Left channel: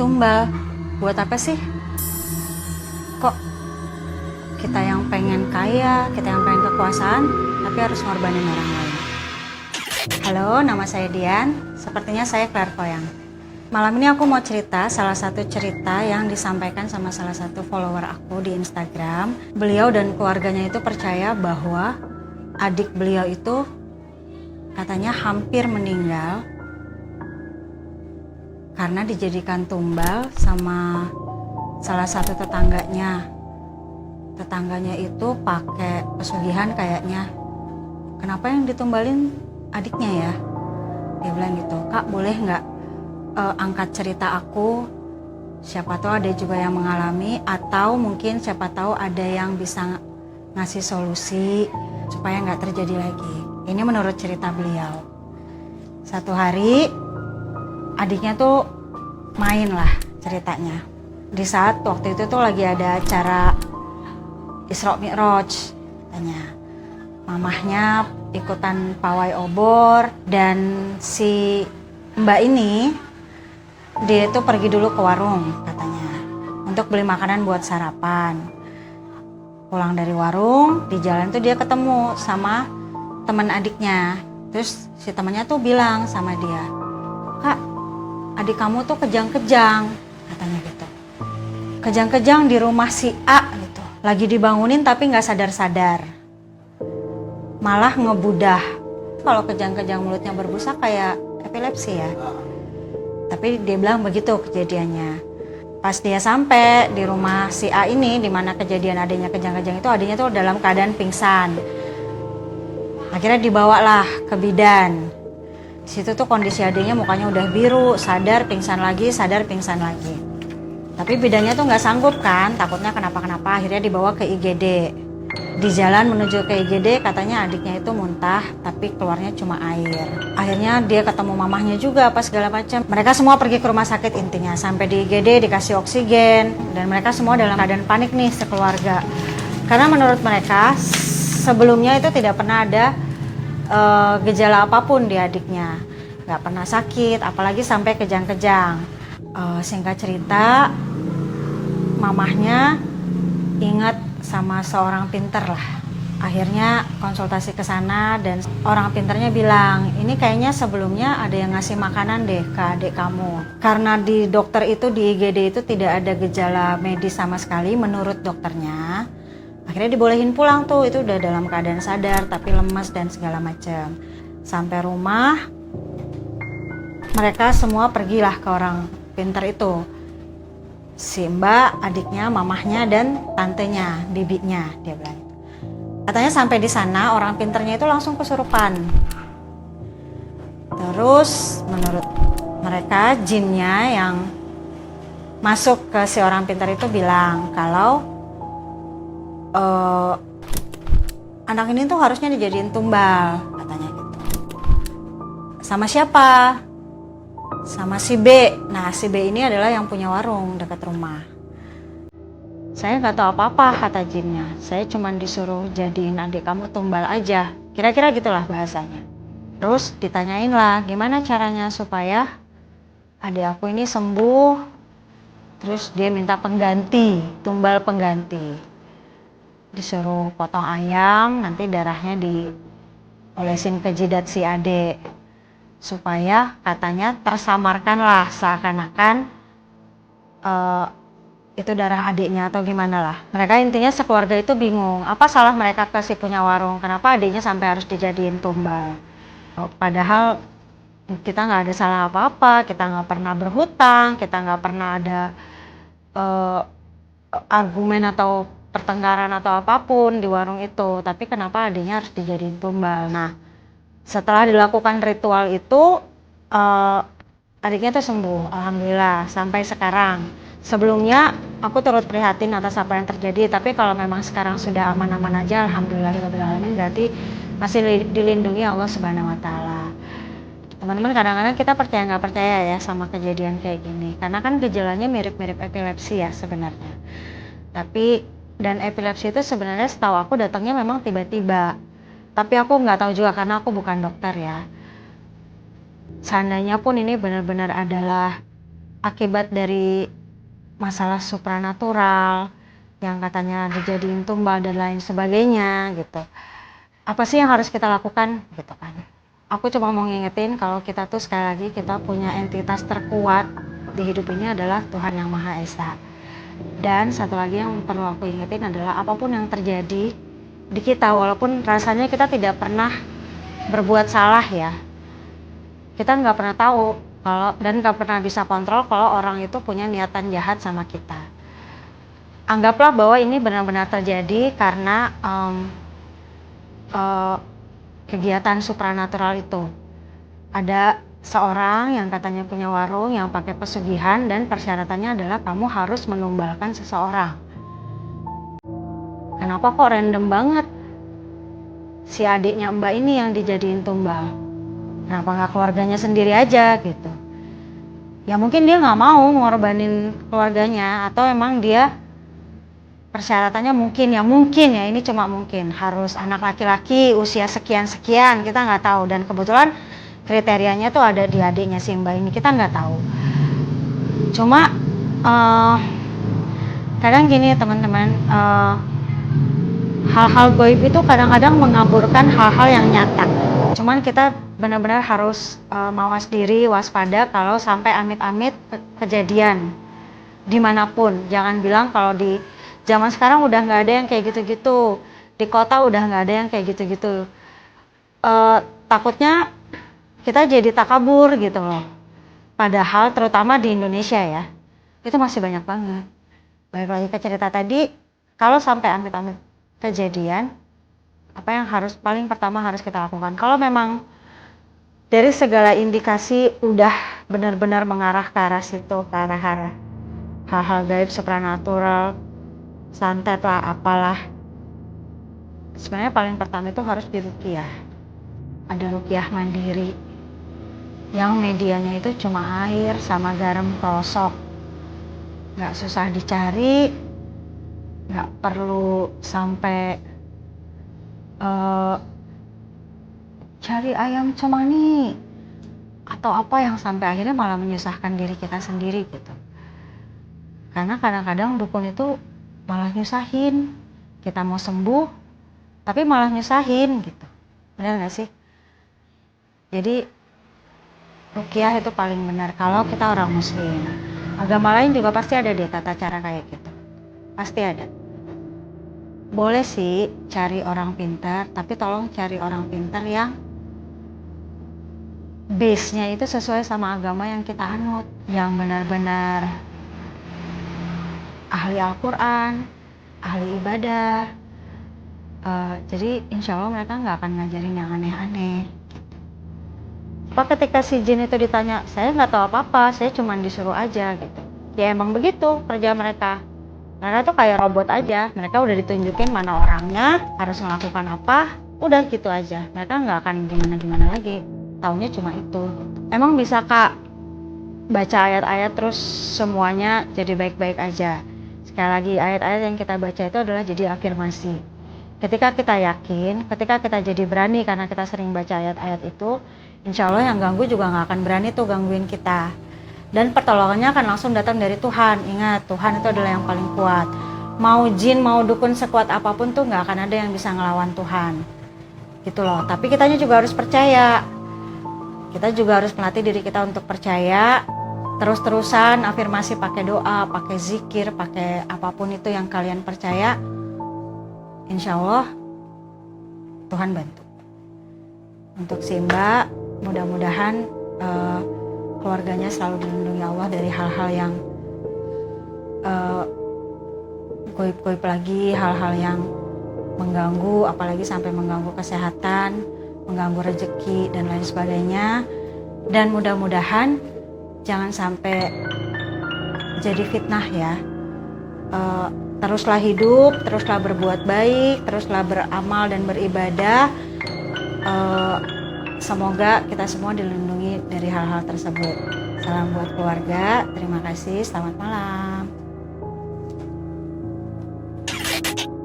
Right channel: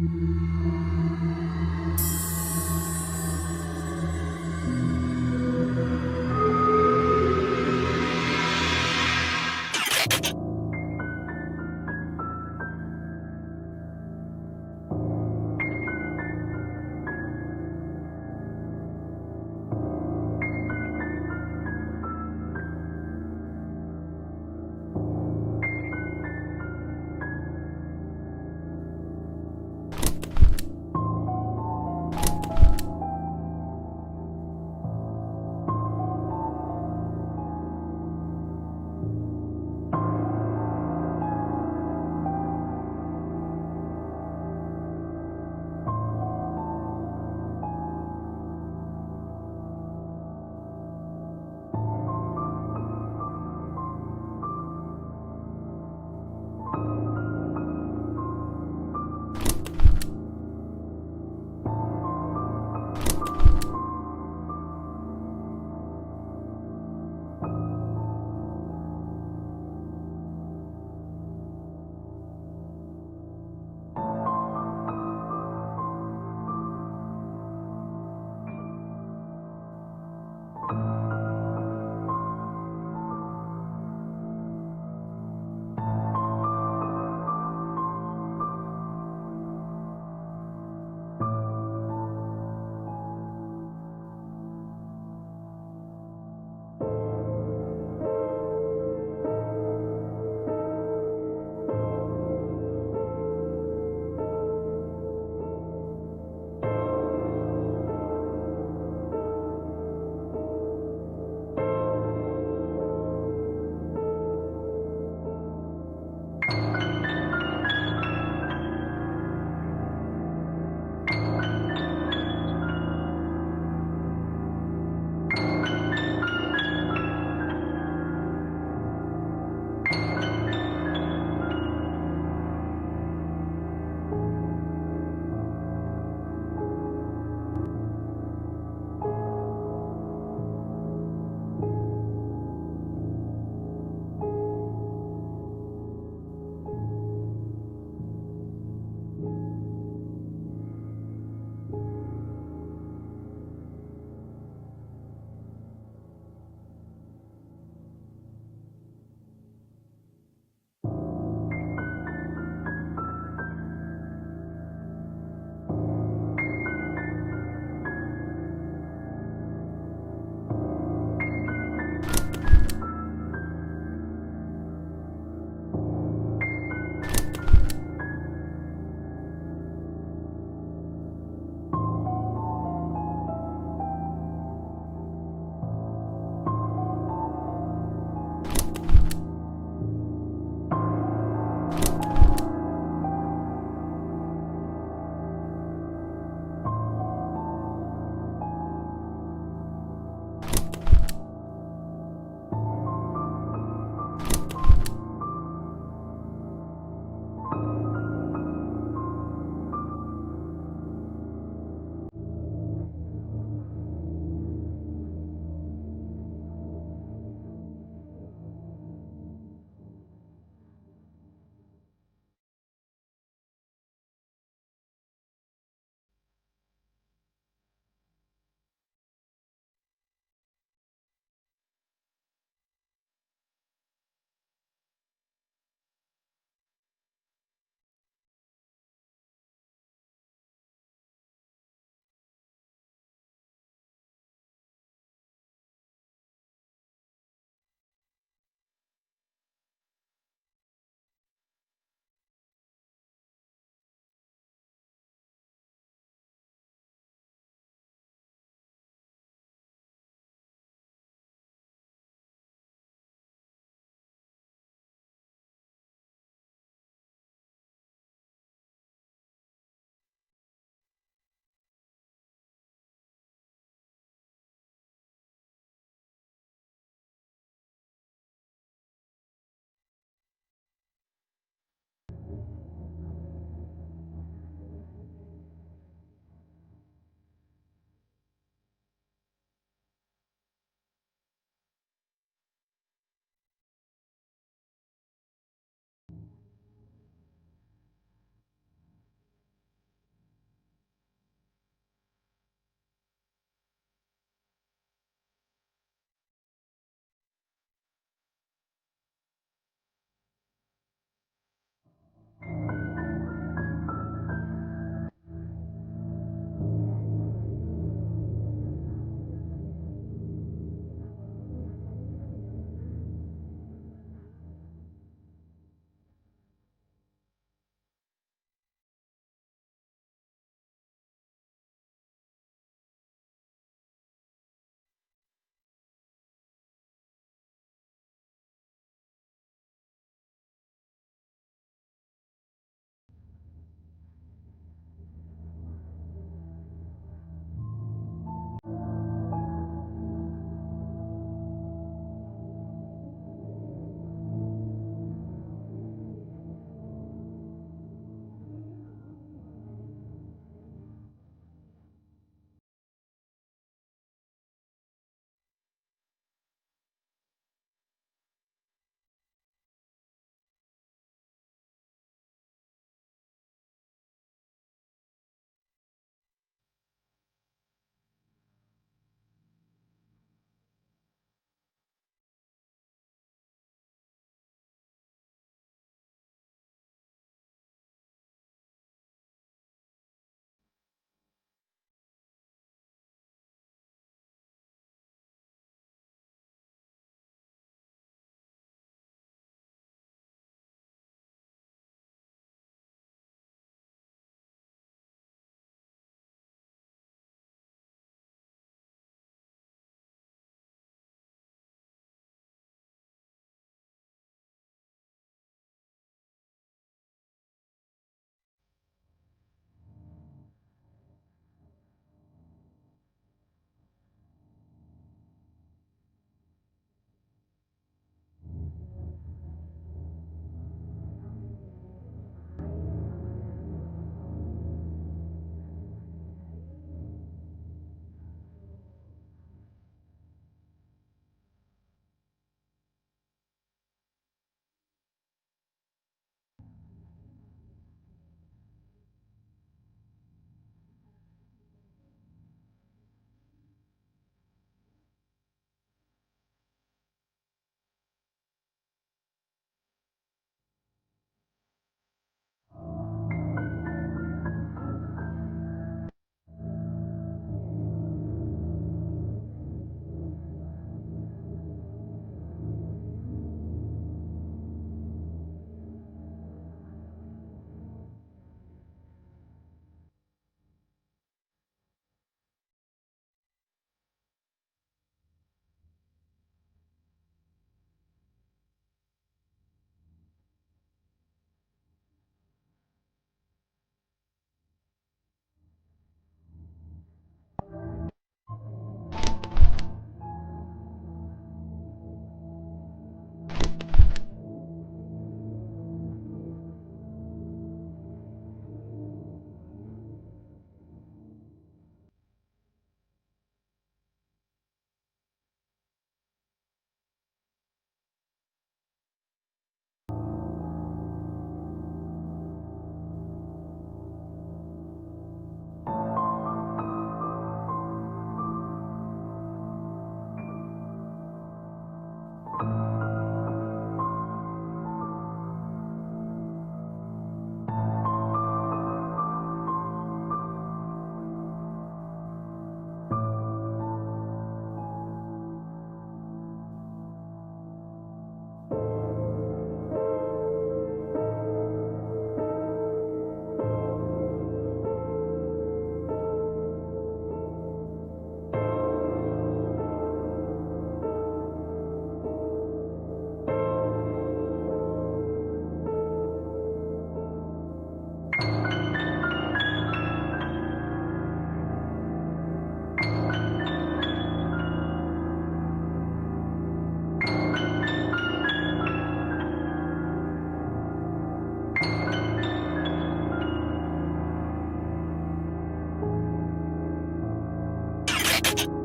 tumbal. Buat apa sih? Kok kita yang pengen kaya, kita yang pengen kekuasaan, tapi harus ngorbanin orang lain. Halo, nama saya Dian. Sepertinya saya clairvoyant. Malam ini aku mau cerita salah satu cerita yang disampaikan sama salah satu follower aku di Instagram. Beliau dan keluarganya itu percaya bahwa adik beliau itu katanya hampir meninggal karena dijadikan tumbal sama salah satu tetangganya. Tetangganya itu pakai pesugihan kayaknya. Kenapa yang ditumbalin adiknya ya? Dia bilang gitu, Kak boleh nggak angkat cerita aku? Siapa tahu ada juga yang mengalami, atau mungkin siapa tahu ada yang bisa ngasih solusi supaya nggak terjadi lagi. Ini menurut cerita beliau. Satu hari adiknya tuh main lah ceritanya. Di saat waktu itu tuh lagi ada acara Isra Mi'raj katanya. Mamahnya ikutan pawai obor dan si mbak ini dia tuh pergi dulu ke warung katanya untuk beli makanan buat sarapan. Pulang dari warung, di jalan tuh dia ketemu sama teman adiknya. Terus si temannya tuh bilang sama dia, Kak, adik kamu tuh kejang-kejang, katanya gitu. Kejang-kejang di rumah si A gitu. Lagi dibangunin tapi nggak sadar-sadar. Malah ngebudah. Kalau kejang-kejang mulutnya berbusa kayak epilepsi ya. Tapi dia bilang begitu kejadiannya. Pas dia sampai di rumah si A ini, di mana kejadian adanya kejang-kejang itu, adanya tuh dalam keadaan pingsan. Akhirnya dibawalah ke bidan. Di situ tuh kondisi adanya mukanya udah biru, sadar, pingsan lagi, sadar, pingsan lagi. Tapi bidannya tuh nggak sanggup kan, takutnya kenapa-kenapa. Akhirnya dibawa ke IGD. Di jalan menuju ke IGD katanya adiknya itu muntah, tapi keluarnya cuma air. Akhirnya dia ketemu mamahnya juga apa segala macam. Mereka semua pergi ke rumah sakit intinya. Sampai di IGD dikasih oksigen dan mereka semua dalam keadaan panik nih sekeluarga. Karena menurut mereka sebelumnya itu tidak pernah ada gejala apapun di adiknya. Nggak pernah sakit, apalagi sampai kejang-kejang. Singkat cerita, mamahnya ingat sama seorang pinter lah. Akhirnya konsultasi ke sana dan orang pinternya bilang, ini kayaknya sebelumnya ada yang ngasih makanan deh ke adik kamu. Karena di dokter itu, di IGD itu tidak ada gejala medis sama sekali menurut dokternya. Akhirnya dibolehin pulang tuh, itu udah dalam keadaan sadar tapi lemas dan segala macam. Sampai rumah, mereka semua pergilah ke orang pinter itu. Si mbak, adiknya, mamahnya, dan tantenya, bibinya, dia bilang. Katanya sampai di sana orang pinternya itu langsung kesurupan. Terus menurut mereka jinnya yang masuk ke si orang pinter itu bilang kalau anak ini tuh harusnya dijadiin tumbal, katanya gitu. Sama siapa? Sama si B. Nah si B ini adalah yang punya warung dekat rumah. Saya nggak tahu apa-apa kata jinnya. Saya cuma disuruh jadiin adik kamu tumbal aja. Kira-kira gitulah bahasanya. Terus ditanyain lah gimana caranya supaya adik aku ini sembuh. Terus dia minta pengganti, tumbal pengganti. Disuruh potong ayam, nanti darahnya diolesin ke jidat si adik. Supaya katanya tersamarkanlah seakan-akan itu darah adiknya atau gimana lah. Mereka intinya sekeluarga itu bingung, apa salah mereka ke si punya warung, kenapa adiknya sampai harus dijadiin tumbal. Padahal kita nggak ada salah apa-apa, kita nggak pernah berhutang, kita nggak pernah ada argumen atau pertengkaran atau apapun di warung itu, tapi kenapa adiknya harus dijadiin tumbal. Nah setelah dilakukan ritual itu adiknya tuh sembuh, alhamdulillah sampai sekarang. Sebelumnya aku turut prihatin atas apa yang terjadi, tapi kalau memang sekarang sudah aman-aman aja, alhamdulillah berarti masih dilindungi Allah Subhanahu wa taala. Teman-teman, kadang-kadang kita percaya nggak percaya ya sama kejadian kayak gini, karena kan gejalanya mirip-mirip epilepsi ya sebenarnya. Tapi dan epilepsi itu sebenarnya setahu aku datangnya memang tiba-tiba. Tapi aku nggak tahu juga karena aku bukan dokter ya. Seandainya pun ini benar-benar adalah akibat dari masalah supranatural yang katanya dijadiin tumbal dan lain sebagainya gitu. Apa sih yang harus kita lakukan gitu kan. Aku cuma mau ngingetin kalau kita tuh sekali lagi kita punya entitas terkuat di hidup ini adalah Tuhan Yang Maha Esa. Dan satu lagi yang perlu aku ingetin adalah apapun yang terjadi di kita, walaupun rasanya kita tidak pernah berbuat salah ya, kita nggak pernah tahu kalau dan nggak pernah bisa kontrol kalau orang itu punya niatan jahat sama kita. Anggaplah bahwa ini benar-benar terjadi karena kegiatan supranatural itu. Ada seorang yang katanya punya warung yang pakai pesugihan dan persyaratannya adalah kamu harus menumbalkan seseorang. Kenapa kok random banget si adiknya Mbak ini yang dijadiin tumbal? Kenapa nggak keluarganya sendiri aja gitu? Ya mungkin dia nggak mau ngorbanin keluarganya, atau emang dia persyaratannya mungkin ya ini cuma mungkin harus anak laki-laki usia sekian-sekian, kita nggak tahu. Dan kebetulan kriterianya tuh ada di adiknya si Mbak ini, kita nggak tahu. Cuma kadang gini teman-teman, hal-hal goib itu kadang-kadang mengaburkan hal-hal yang nyata. Cuman kita benar-benar harus mawas diri, waspada kalau sampai amit-amit kejadian dimanapun. Jangan bilang kalau di zaman sekarang udah nggak ada yang kayak gitu-gitu, di kota udah nggak ada yang kayak gitu-gitu. Takutnya kita jadi takabur gitu loh. Padahal terutama di Indonesia ya, itu masih banyak banget. Balik lagi ke cerita tadi, kalau sampai amit-amit kejadian, apa yang paling pertama harus kita lakukan? Kalau memang dari segala indikasi udah benar-benar mengarah ke arah situ, ke arah hal-hal gaib supranatural, santet lah, apalah. Sebenarnya paling pertama itu harus diruqyah. Ada ruqyah mandiri yang medianya itu cuma air sama garam krosok. Nggak susah dicari, nggak perlu sampai cari ayam cemani atau apa yang sampai akhirnya malah menyusahkan diri kita sendiri gitu. Karena kadang-kadang dukun itu malah nyusahin. Kita mau sembuh tapi malah nyusahin gitu. Benar nggak sih? Jadi ruqyah itu paling benar kalau kita orang muslim. Agama lain juga pasti ada deh tata cara kayak gitu. Pasti ada. Boleh sih cari orang pintar, tapi tolong cari orang pintar yang base-nya itu sesuai sama agama yang kita anut, yang benar-benar ahli Al-Quran, ahli ibadah. Jadi insya Allah mereka nggak akan ngajarin yang aneh-aneh. Apa ketika si jin itu ditanya, saya nggak tahu apa-apa, saya cuma disuruh aja gitu. Ya emang begitu kerja mereka. Mereka tuh kayak robot aja. Mereka udah ditunjukin mana orangnya, harus melakukan apa, udah gitu aja. Mereka nggak akan gimana-gimana lagi. Taunya cuma itu. Emang bisa Kak baca ayat-ayat terus semuanya jadi baik-baik aja? Sekali lagi, ayat-ayat yang kita baca itu adalah jadi afirmasi. Ketika kita yakin, ketika kita jadi berani karena kita sering baca ayat-ayat itu, insya Allah yang ganggu juga nggak akan berani tuh gangguin kita. Dan pertolongannya akan langsung datang dari Tuhan. Ingat, Tuhan itu adalah yang paling kuat. Mau jin, mau dukun sekuat apapun tuh nggak akan ada yang bisa ngelawan Tuhan. Gitu loh. Tapi kitanya juga harus percaya. Kita juga harus melatih diri kita untuk percaya. Terus-terusan afirmasi pakai doa, pakai zikir, pakai apapun itu yang kalian percaya. Insya Allah Tuhan bantu. Untuk si Mbak, mudah-mudahan keluarganya selalu dilindungi Allah dari hal-hal yang goib-goib lagi, hal-hal yang mengganggu, apalagi sampai mengganggu kesehatan, mengganggu rezeki dan lain sebagainya. Dan mudah-mudahan jangan sampai jadi fitnah ya. Teruslah hidup, teruslah berbuat baik, teruslah beramal dan beribadah. Semoga kita semua dilindungi dari hal-hal tersebut. Salam buat keluarga, terima kasih, selamat malam.